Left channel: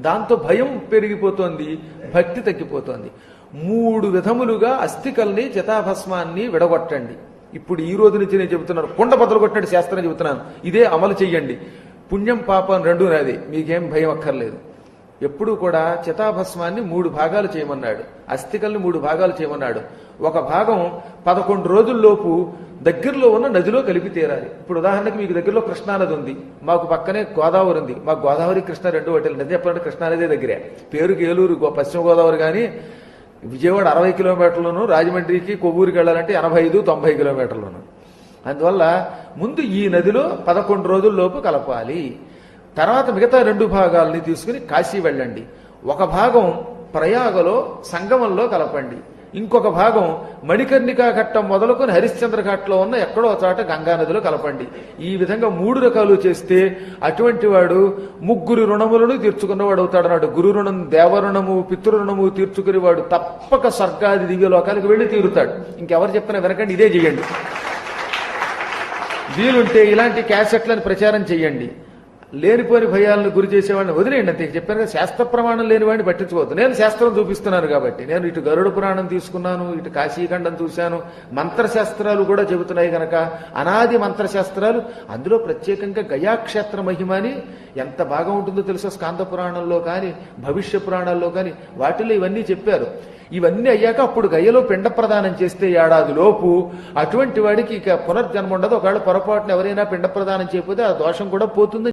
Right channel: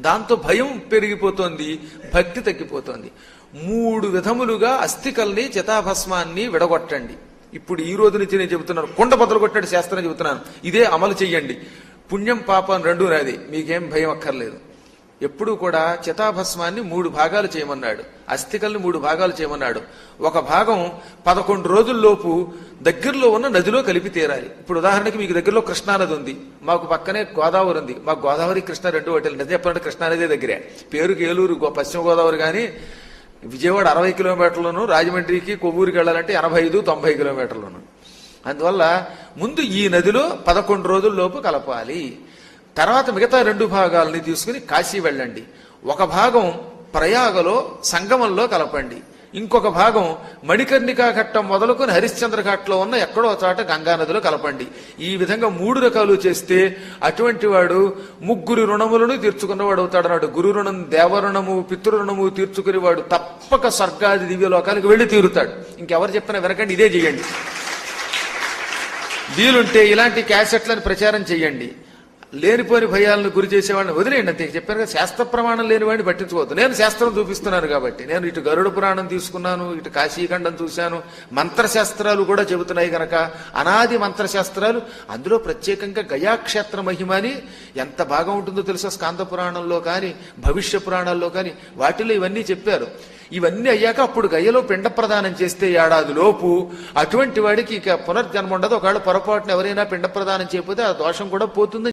దాంతో భయం పెరిగిపోతోంది భక్తి తగ్గిపోతోంది. మూడు విధములుగా అస్థికల్ని చితాభస్మాన్ని విడగొట్టండి. ఇప్పుడు ఈ రోజు నుంచి నేను చెబుతున్నాను కుండ బదులు కొట్టినట్టు శాస్త్రం చెబుతున్నాను. ఇదే అమలు చెయ్యండి. పుణ్యం పాపం రెండు నాది. మీకేం భయం అక్కర్లేదు. ఎప్పుడు కూడా చితాభస్మాన్ని మూడు భాగాలు చేయమన్నాడు. అస్థికల్ని మూడు భాగాలు చేయమన్నాడు. ఒక భాగం పదకొండు రోజుల్లోపు దగ్గరలో ఉన్న నదిలో కలిపి తీరాలి. ఇప్పుడు ఉదాహరణకి మీకు దగ్గరలో కృష్ణానది ఉంది. మాకు పక్కనే గోదావరి ఉంది. మాకు గోదావరి కృష్ణ రెండు ఒకటి నది చెప్పాలంటే కృష్ణానదే దగ్గరే. పేరుకి ఏలూరు పశ్చిమ గోదావరి కానీ విజయవాడ అరవై కిలోమీటర్లను రాజమండ్రికి కొవ్వూరుకి వెళ్ళాలంటే ఎనభై ఐదు తొంభై కిలోమీటర్లను అందువల్ల ముందు ఈ నదిలో పదకొండు రోజుల్లోపు కలపాలి. తర్వాత మిగతా రెండు భాగాల్ని తీసుకుని కాశీ వెళ్ళండి. ఒక భాగం ప్రయాగలో సంగమంలో కలపండి. ఇంకొక భాగం మణికర్ణికా ఘట్టం మొదలుకొని హరిశ్చంద్ర ఘాట్లో ఉన్న ఎక్కడో చోట గంగా కలపండి. ఈ విధంగా మూడు రకాలు చేస్తే అటువంటి వాడు ముగ్గురు రుణములను తీర్చుకున్నవాడు అవుతాడు అన్నాడు. గురు రుణం దేవరుణము పితృరుణము తీర్చుకుని వాడు తప్పక స్వర్గాది దివ్యలోకాలకు వెళ్ళి తీరుతాడు. ఇంకెవరు చెప్తున్నా వినకండి ఇదే చేయండి. వీలుంటే ఇలాంటి క్యాసెట్లను ప్రచారం చేయండి. లేనిపోని భయాలను గురి చేసేవాడిని వదిలేయండి అంతే. చెప్పాను కదా శాస్త్ర ప్రమాణం లేని వాడిని పట్టించుకోవద్దు. నేను శాస్త్రం చూపిస్తున్నాను కాబట్టి. నేను ఇటు గరుడ పురాణం తీసుకున్నాను ఇటు కాశీఖండం చూశాను మంత్రశాస్త్రాలు కూడా చెబుతున్నాయి కనుక అనాది మంత్రశాస్త్రాలు అందులో ప్రత్యేకంగా గయాక్షేత్ర మహిమని ఎంత బాగా ఉంటుందో తెలుసా? స్కాంద పురాణంలో కానీ భవిష్య పురాణాల్లో కానీ వాటిలో ఇవన్నీ చెప్పారు. ఇవన్నీ అయ్యాక అప్పుడు గయ్యలో పిండ ప్రదానం చేస్తే ఏడాది లోపు అటువంటి వాడికి ఇక పునర్జన్మ ఉండదు. ఒకవేళ పొరపాటున ఎవరైనా పిండ ప్రదానం చేయకపోతే ఆ దోషం కూడా పోతుంది.